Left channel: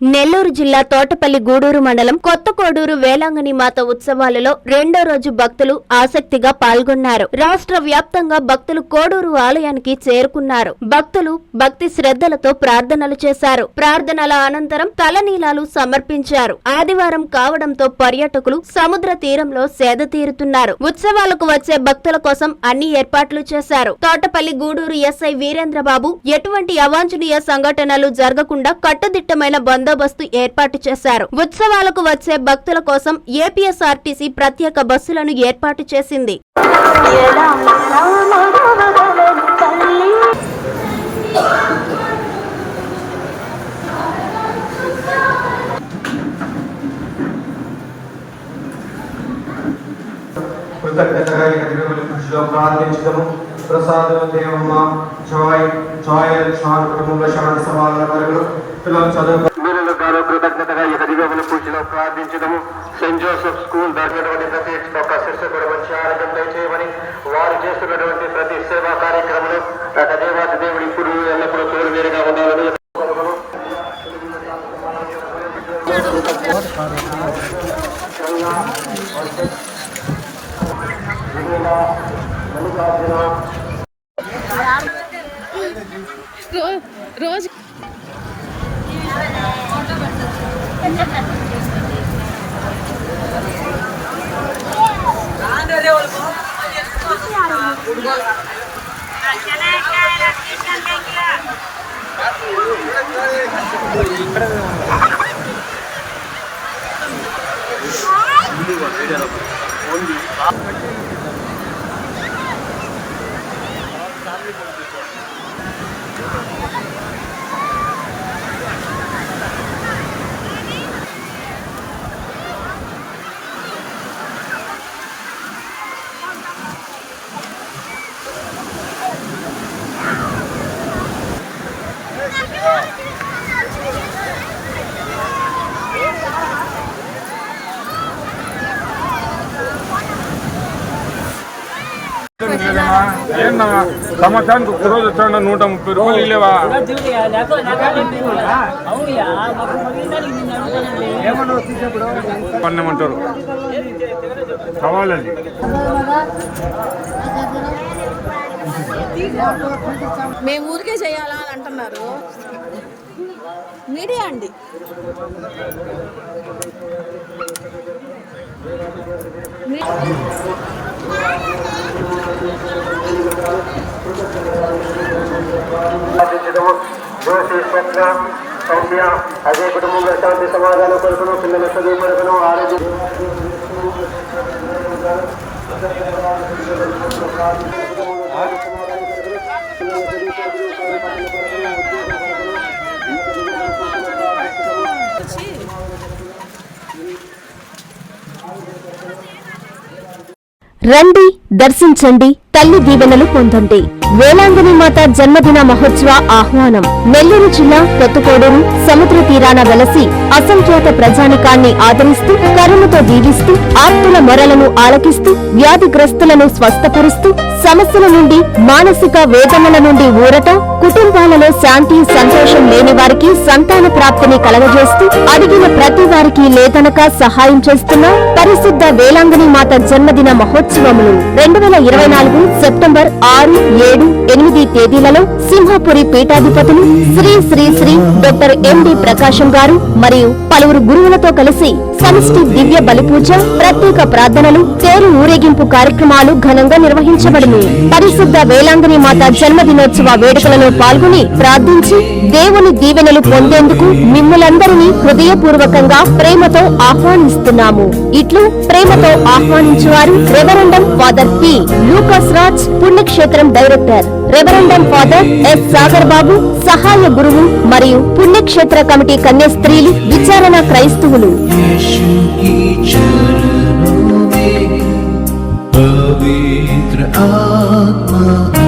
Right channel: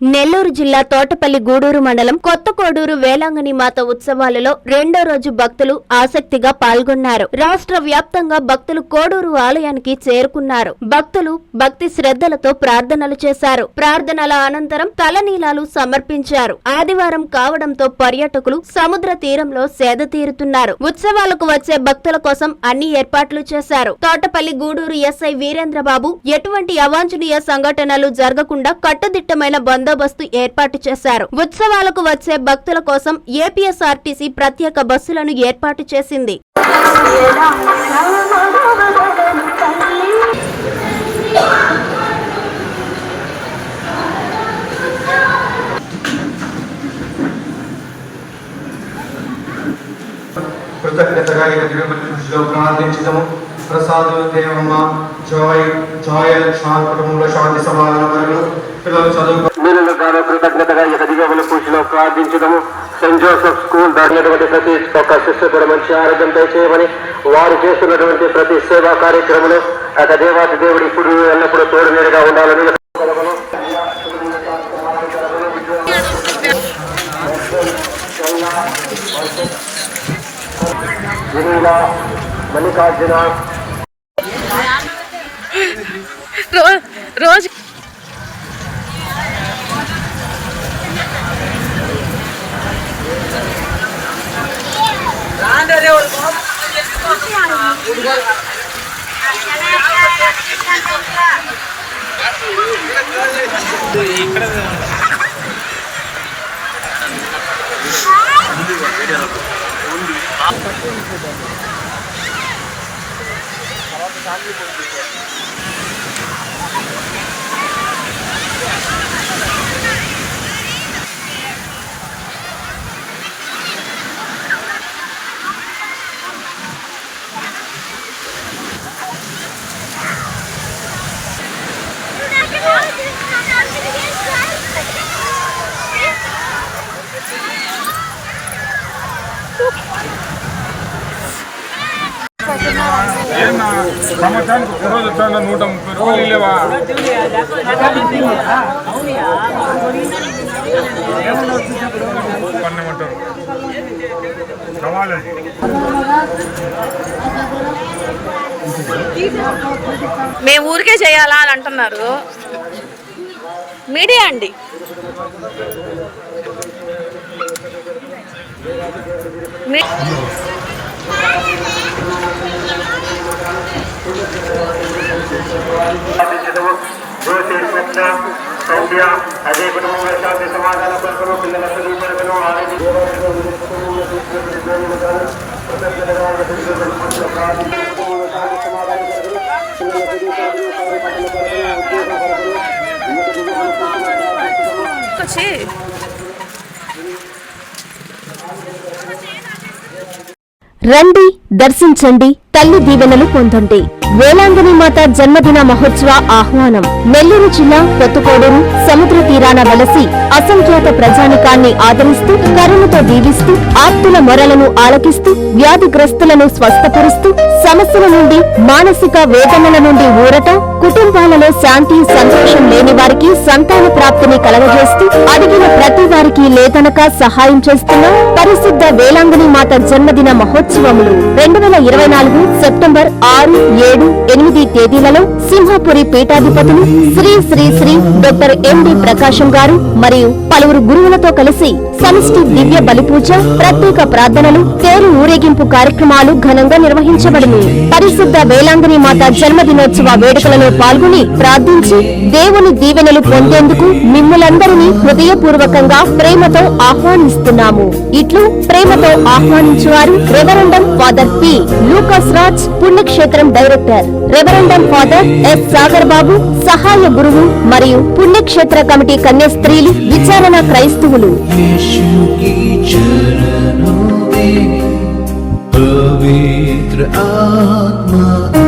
నెల్లూరు జిల్లా తోటపల్లి గూడూరు మండలం కొత్త కోడూరు వేలాంగని మాత ఉత్సవాలలో రెండో రోజు భక్తులు ఆసక్తిగా పాల్గొన్నారు. రాష్ట్ర వ్యాప్తంగా భక్తులు కోడూరు ఆలయానికి చేరుకున్నారు. భక్తులు భక్తి శ్రద్ధలతో ప్రార్థనలు చేశారు. ప్రార్థనల అనంతరం తలనీలాలు సమర్పించారు. ఆదివారం కావడంతో పర్యాటకులు సముద్ర తీరంలో సేద తీరుతున్నారు. ఉత్సవాలకు వచ్చే భక్తుల కోసం అన్ని ఏర్పాట్లు చేశారు. తోటపల్లి గూడూరు ఎస్ఐ వీరేంద్రబాబు ఎటువంటి అవాంఛనీయ సంఘటనలు జరగకుండా కట్టుదిట్టమైన బంధం బందోబస్తు ఏర్పాటు చేశారు. ఉత్సవాలకు వచ్చే భక్తుల కోసం ఏపీఎస్ఆర్టీసీ ప్రత్యేక బస్సులను ఏర్పాటు చేసింది. కృతజ్ఞతగా ప్రసాదం దేవమ్మ జాయ్ జాయ్ కుటుంబంలో శాంతి సమాధాన కలుగును. పిల్లలు చదువు మేలులు గాను కృతజ్ఞతగా ఇక దివ్యముల పూజలో ప్రార్థించడము సెయింట్ జోసెఫ్ స్కూల్ దాటినటువంటి ప్రతి ఒక్క శిష్యు కూడా మంచి ఆరోగ్యం దయచేయమని వారు చేస్తున్నటువంటి ప్రతి సేవా కార్యక్రమాలు అట దేవాది దేవుడి ఇప్పుడు ఎల్లప్పుడూ తోడు నేరుగా ఉండాలని మల్లికార్జున మల్లికార్జున రో- రోజు సంవత్సరానికి ఒక రోజు వచ్చాడు నూట ముప్పై రూపాయలు ఇల్లేవా కొన్నమంటారు కావాలి మేము ఊరికే చేయాలా అని అంటున్నారు. మీడియా అండి. మీ- ప్రార్థించడము స్వప్న సౌమ్య అజయ్ కుటుంబంలో శాంతి సమాధాన కొరకును పిల్లల చదువు కొరకును ఆరోగ్య రండి దర్శించండి తల్లి దీవెనలు పొందండి. వేలాంగణి మాత జన్మదిన మహోత్సవ ఆహ్వానం. నెల్లూరు జిల్లా కొత్తకోడూరు సముద్ర తీరాన వెలసి అసంఖ్యాత ప్రజానికాన్ని ఆదరిస్తూ కరుణతో దీవిస్తూ ఆప్తుల మొరలను ఆలకిస్తూ వ్యాధిగ్రస్తులను స్వస్థపరుస్తూ సమస్యల నుండి మానసిక వేదనల నుండి ఊరట కుటుంబాలలో శాంతి సంతోషం లేని వారికి సంతాన ప్రాప్తిని కలగజేస్తూ అడిగిన ప్రతి వారికి లేదనక సహాయం చేస్తున్న పరిశుద్ధ వేలాంగణి మాత జన్మదిన మహోత్సవములు రెండు వేల ఇరవై నాలుగు సెప్టెంబర్ ఆరు ఏడు ఎనిమిది తేదీలలో సింహాపురి పీఠాధిపతులు శ్రీ శ్రీ శ్రీ డాక్టర్ ఎండి ప్రకాశం గారు మరియు పలువురు గురువులతో కలిసి సమిష్టి దివ్య బలిపూజ ప్రత్యేక ప్రార్థనలు తేరు ఊరేగింపు కార్యక్రమాలు ఘనంగా నిర్వహించబడును పరిశుద్ధ వేలాంగని మాత జన్మదినోత్సవ వేడుకలలో పాల్గొని ప్రార్థించి దేవుని దీవెనలు పొందేందుకు మిమ్ములందరినీ హృదయపూర్వకంగా ప్రేమతో ఆహ్వానిస్తున్నాము. ఇట్లు ప్రేమతో ఆహ్వానించువారు reverend father P. Lucas Raj పుణ్యక్షేత్రం director. Reverend father S. Sagar Babu సహాయ గురువు మరియు పుణ్యక్షేత్ర కమిటీ కన్యస్త్రీలు విచారణ క్రైస్తవులు. यीशु की चरणों में पवित्र आत्मा